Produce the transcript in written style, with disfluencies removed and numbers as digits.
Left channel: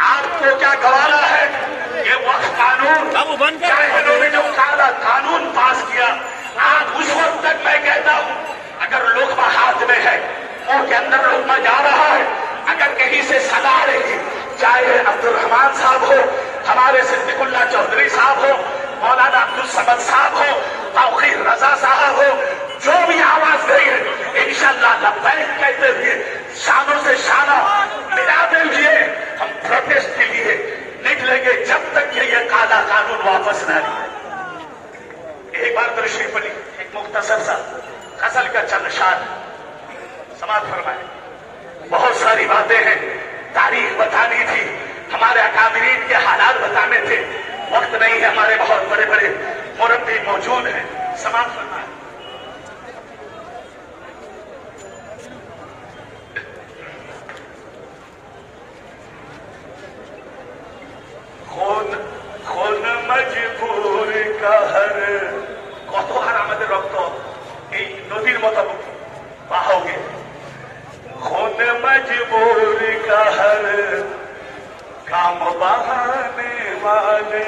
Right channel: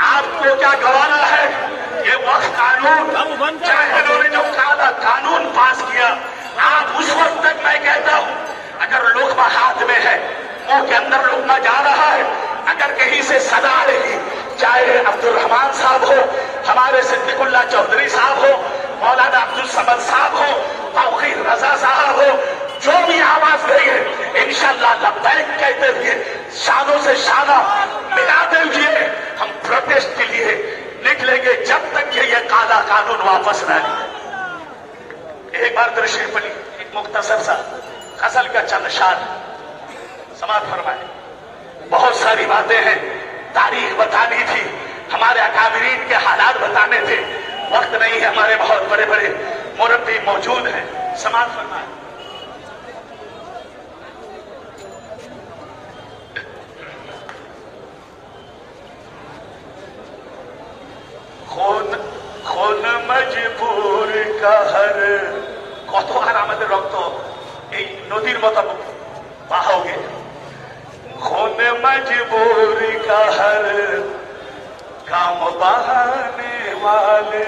आपको क्या गवारा है? ये वक्त कानून इन्होंने जो कानून पास किया, आप उस वक्त तक मैं कहता हूँ अगर लुकमा हाथ में है, मुंह के अंदर लुकमा जा रहा है, अगर कहीं से सदा आ रही, चाहे अब्दुल रहमान साहब हो, हमारे सिद्दीकुल्लाह चौधरी साहब हो, मौलाना अब्दुल समद साहब हो, तौकीर रजा साहब हो, जो भी आवाज गई है इंशाअल्लाह लब्बैक कहते हुए शानों से शाना मिलाते हुए हम प्रोटेस्ट के लिए निकलेंगे जब तक कि ये काला कानून वापस न आए। एक बार तशरीफ ली, एक मुख्तसर सा गजल का चंद शान समाप्त फरमाए। बहुत सारी बातें हैं, तारीख बतानी थी, हमारे अकाबिरीन के हालात बताने थे, वक्त नहीं है, हमारे बहुत बड़े बड़े मुरब्बी मौजूद हैं, समाप्त फरमाए। খুন মজবুর কাহার, কতবার আমাদের রক্ত এই নদীর মতো বাহবে। খুন মজবুর কাহার কাম বাহানে ওয়ালে